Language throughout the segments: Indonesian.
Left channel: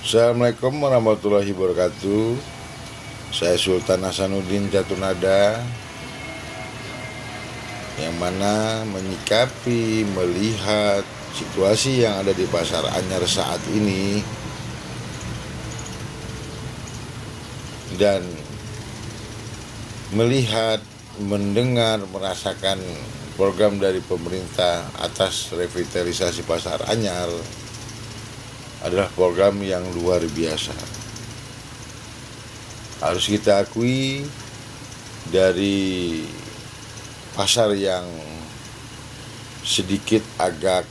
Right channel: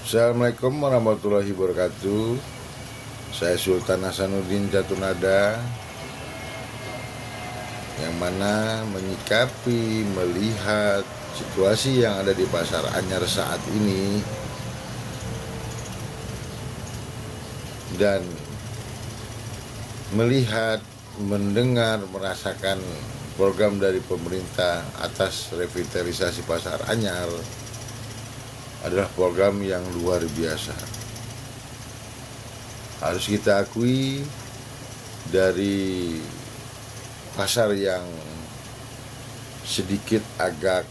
Assalamualaikum warahmatullahi wabarakatuh. Saya Sultan Hasanuddin Jatunada, yang mana menyikapi, melihat situasi yang ada di Pasar Anyar saat ini dan melihat, mendengar, merasakan program dari pemerintah atas revitalisasi Pasar Anyar adalah program yang luar biasa. Harus kita akui, dari pasar yang sedikit agak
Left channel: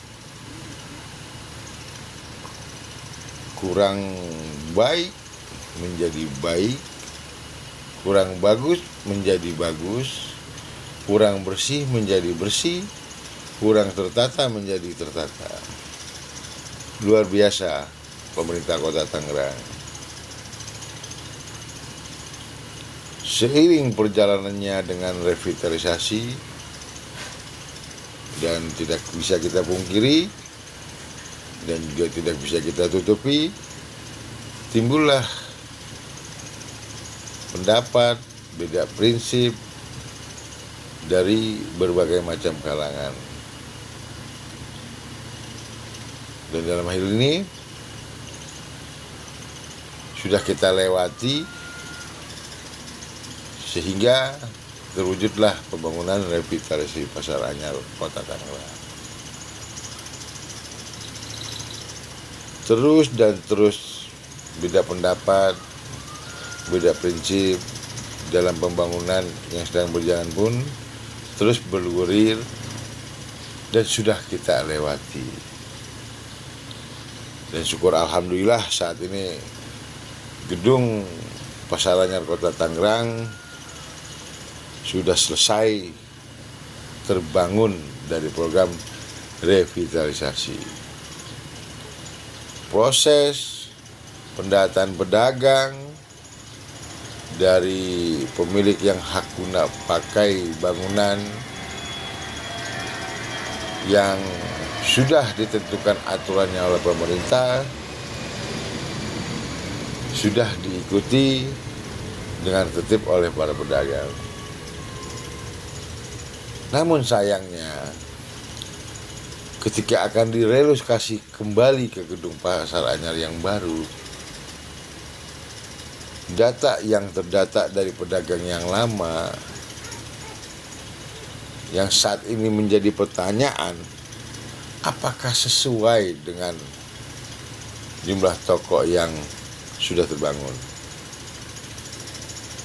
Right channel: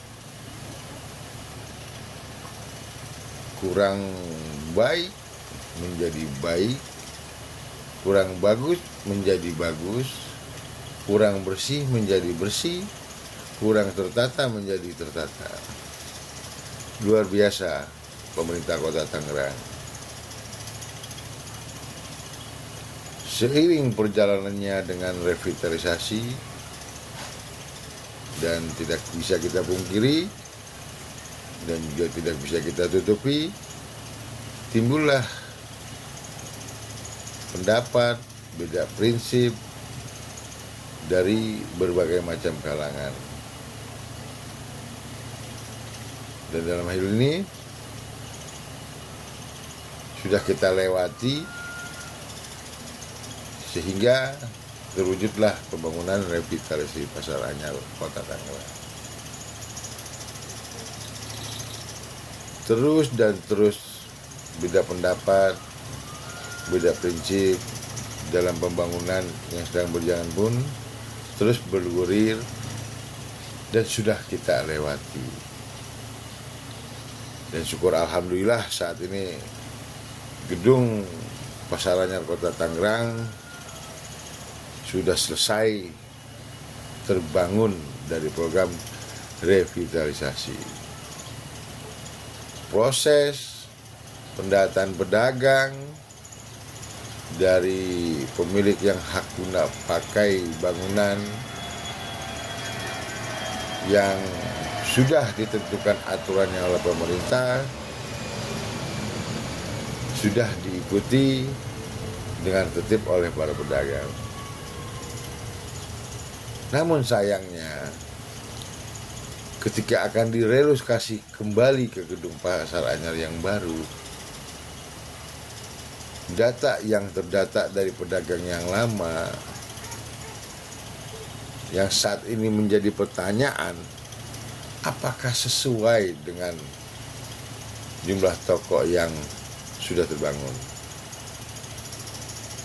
kurang baik menjadi baik, kurang bagus menjadi bagus, kurang bersih menjadi bersih, kurang tertata menjadi tertata. Luar biasa pemerintah Kota Tangerang. Seiring perjalanannya dengan revitalisasi, dan tidak bisa kita pungkiri dan juga tidak bisa kita tutupi, timbullah pendapat, beda prinsip dari berbagai macam kalangan. Dan dalam hal ini sudah kita lewati sehingga terwujudlah pembangunan revitalisasi Pasar Anyar Kota Tangerang. Terus dan terus beda pendapat, beda prinsip dalam pembangunan yang sedang berjalan pun terus bergulir dan sudah kita lewati. Dan syukur alhamdulillah saat ini gedung Pasar Anyar Kota Tangerang sudah selesai terbangun dari program revitalisasi. Proses pendataan pedagang dari pemilik yang hak guna pakai bangunan yang sudah ditentukan aturannya oleh pemerintah sudah diikuti dengan tertib oleh para pedagang. Namun sayangnya, ketika akan direlokasi kembali ke gedung Pasar Anyar yang baru, data yang terdata dari pedagang yang lama yang saat ini menjadi pertanyaan, apakah sesuai dengan jumlah toko yang sudah terbangun?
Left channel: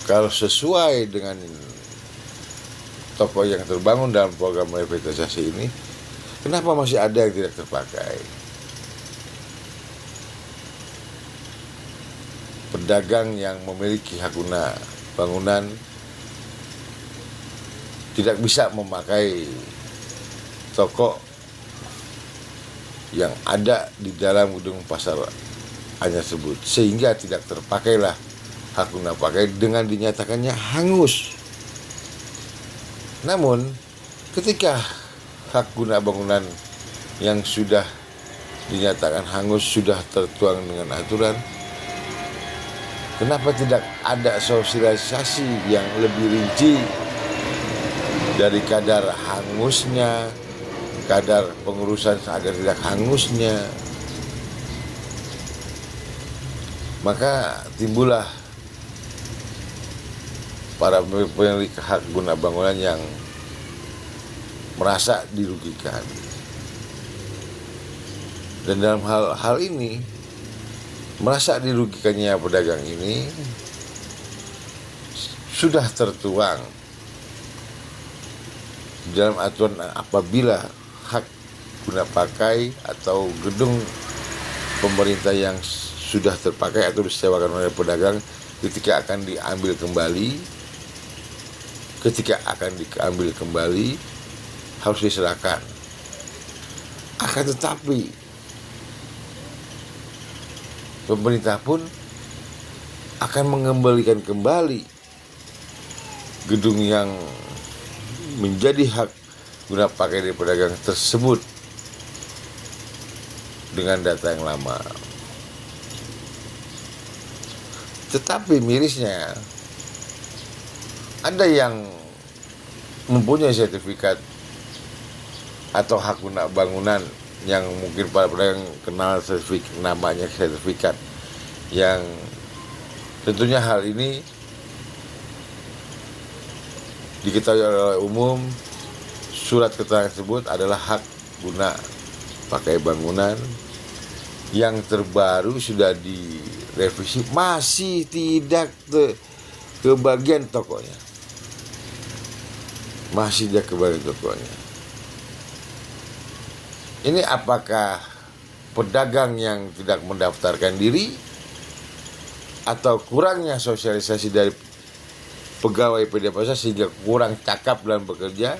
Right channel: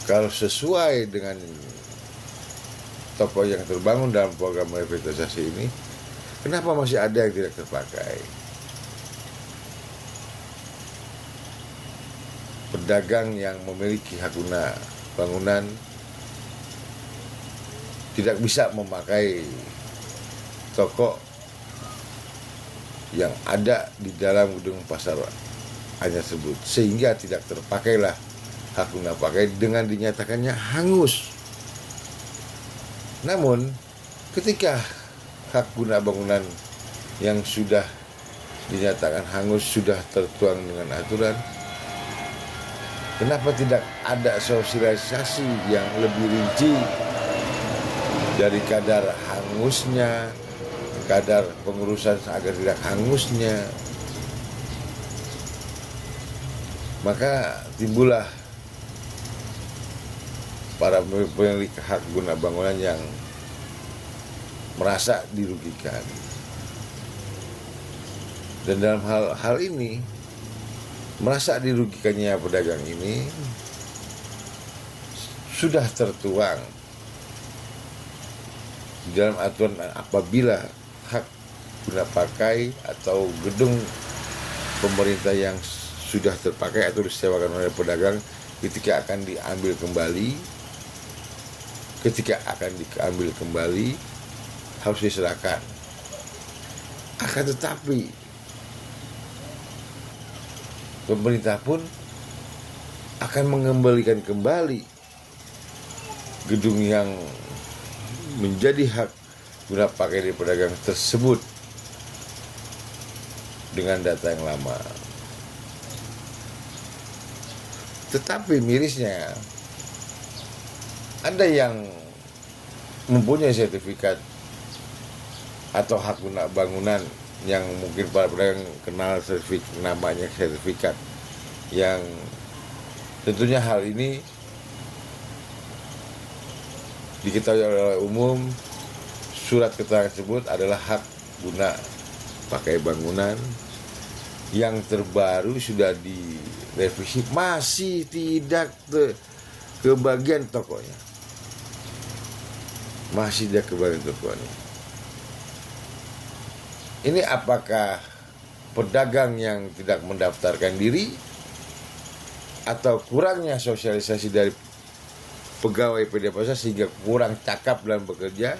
Kalau sesuai dengan toko yang terbangun dalam program revitalisasi ini, kenapa masih ada yang tidak terpakai? Pedagang yang memiliki hak guna bangunan tidak bisa memakai toko yang ada di dalam gedung Pasar Anyar tersebut, sehingga tidak terpakailah hak guna pakai dengan dinyatakannya hangus. Namun ketika hak guna bangunan yang sudah dinyatakan hangus sudah tertuang dengan aturan, kenapa tidak ada sosialisasi yang lebih rinci dari kadar hangusnya, kadar pengurusan agar tidak hangusnya? Maka timbullah para pemilik hak guna bangunan yang merasa dirugikan. Dan dalam hal ini, merasa dirugikannya pedagang ini sudah tertuang di dalam aturan apabila hak guna pakai atau gedung pemerintah yang sudah terpakai atau disewakan oleh pedagang ketika akan diambil kembali harus diserahkan. Akan tetapi pemerintah pun akan mengembalikan kembali gedung yang menjadi hak guna pakai dari pedagang tersebut dengan data yang lama. Tetapi mirisnya ada yang mempunyai sertifikat atau hak guna bangunan yang mungkin para pedagang kenal sertifikat, namanya sertifikat, yang tentunya hal ini diketahui oleh umum. Surat keterangan tersebut adalah hak guna pakai bangunan yang terbaru sudah direvisi, masih tidak kebagian tokonya, masih tidak kebagian tokonya. Ini apakah pedagang yang tidak mendaftarkan diri atau kurangnya sosialisasi dari pegawai PD Pasar sehingga kurang cakap dalam bekerja?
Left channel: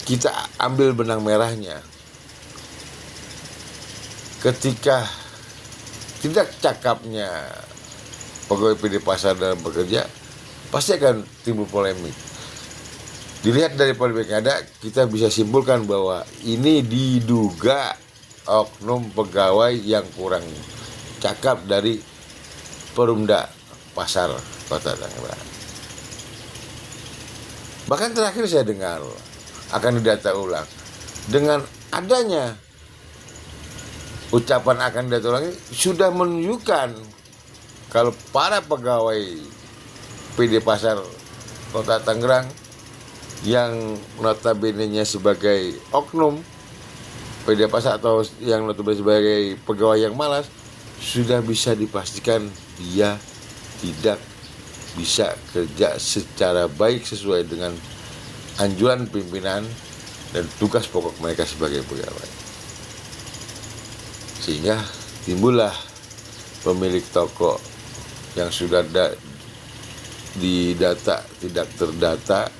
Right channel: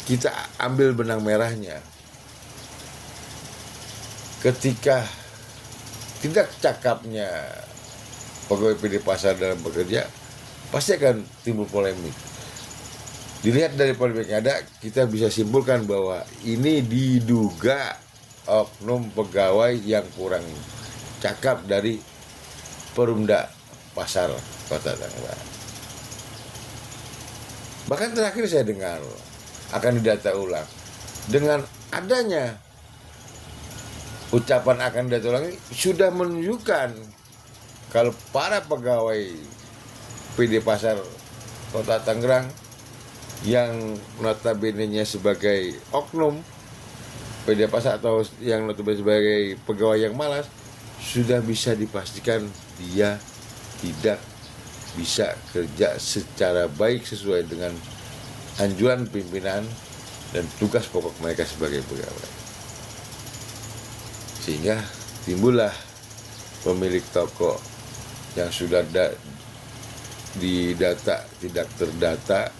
Kita ambil benang merahnya. Ketika tidak cakapnya pegawai PD Pasar dalam bekerja, pasti akan timbul polemik. Dilihat dari polemik yang ada, kita bisa simpulkan bahwa ini diduga oknum pegawai yang kurang cakap dari Perumda Pasar Kota Tangerang. Bahkan terakhir saya dengar akan didata ulang. Dengan adanya ucapan akan didata ulang ini sudah menunjukkan kalau para pegawai PD Pasar Kota Tangerang yang notabene-nya sebagai oknum PD Pasar atau yang notabene sebagai pegawai yang malas, sudah bisa dipastikan dia tidak bisa kerja secara baik sesuai dengan anjuran pimpinan dan tugas pokok mereka sebagai pegawai. Sehingga timbullah pemilik toko yang sudah didata tidak terdata,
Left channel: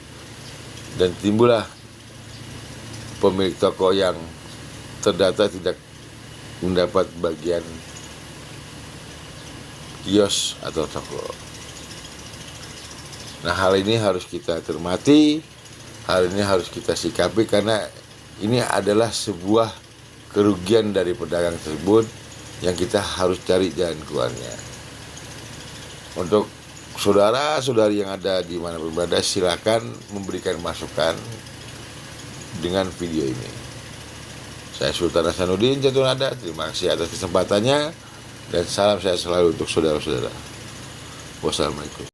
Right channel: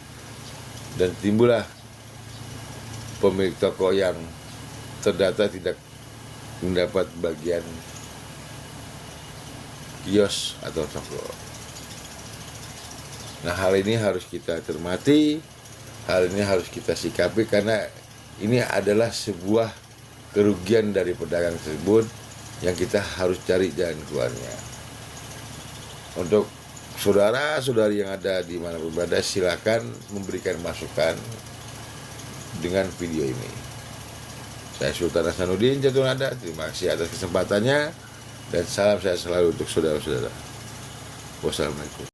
dan timbullah pemilik toko yang terdata tidak mendapat bagian kios atau toko. Nah, hal ini harus kita cermati, hal ini harus kita sikapi, karena ini adalah sebuah kerugian dari pedagang tersebut yang kita harus cari jalan keluarnya. Untuk saudara-saudari yang ada di mana berada, silakan memberikan masukan dengan video ini. Saya Sultan Hasanuddin Jatunada, terima kasih atas kesempatannya dan salam sehat selalu untuk saudara-saudara. Wassalamualaikum.